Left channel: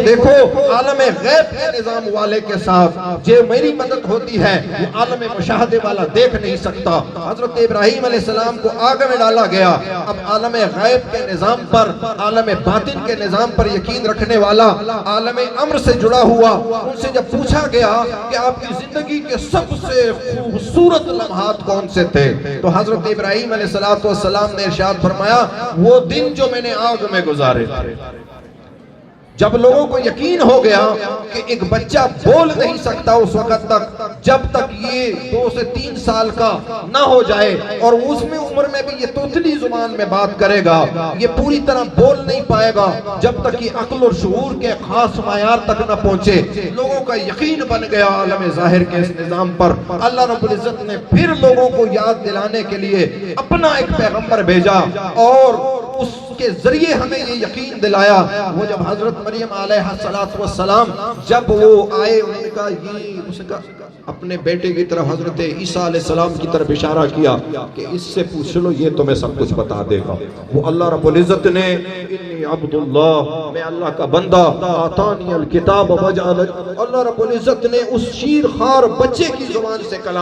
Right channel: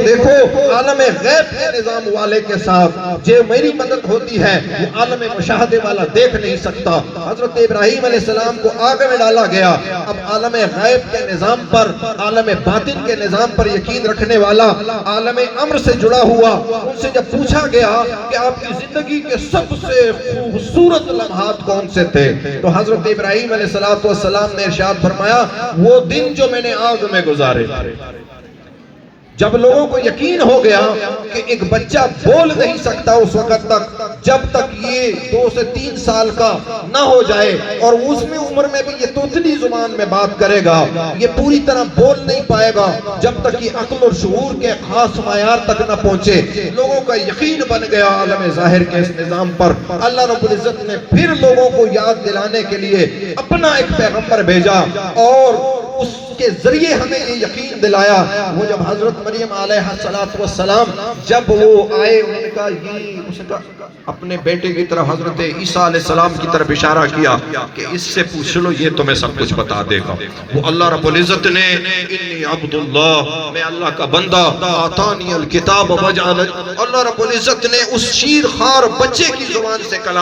دیکھو عالم غیب کے نظام والے کے ساتھ جو میری مدد ہوتی ہے وہ عالم مشاہدے والا دیکھ نہیں سکتا۔ حضرت ابراہیم علیہ السلام کو آگ میں ڈالا گیا، اب عالم غیب کے نظام پر، عالم باطن کے نظام پر یقین رکھنے والا عالم امر سے جڑا ہوا، ان سے جب پوچھا گیا کہ آپ کی زندگی کے سب سے خوبصورت لمحات کون سے تھے، تو حضرت ابراہیم علیہ السلام نے ارشاد فرمایا وہ دن جو میں نے آگ میں گزارے تھے۔ جب لوگوں کو یقین ہو گیا کہ ایک بچہ بول نہیں سکتا اس وقت تک جب تک یہ 2 سے 3 سال کا نہ ہو جائے، اور اس میں عمر میں بھی یہ توتلی زبان میں بات کرے گا، یہ پوری طرح بول نہیں پائے گا جب تک یہ عقل اور شعور کے خاص معیار تک نہ پہنچے۔ لوگوں کا یقین بن گیا عالم ظاہر کے اس نظام پر۔ اللہ رب العزت نے پھر لوگوں کو یاد دلانے کے لیے اپنا ایک پیغمبر بھیجا، اور اس کے ذریعے ہمیں یہ یقین دلایا۔ وہ جب حضرت مریم علیہ السلام جب وہ آئے، انہوں نے کہا یہ اس کا اپنے بیٹے کی طرف حضرت عیسیٰ علیہ السلام کی طرف اشارہ کیا کہ اس سے پوچھ لو یہ تمہیں سب کچھ بتا دے گا۔ وہ اللہ رب العزت نے انی عبداللہ، میں اللہ کا بندہ، آتانی الکتاب وجعلنی، اللہ رب العزت نے اس شیر خوار بچے کی زبان سے کلام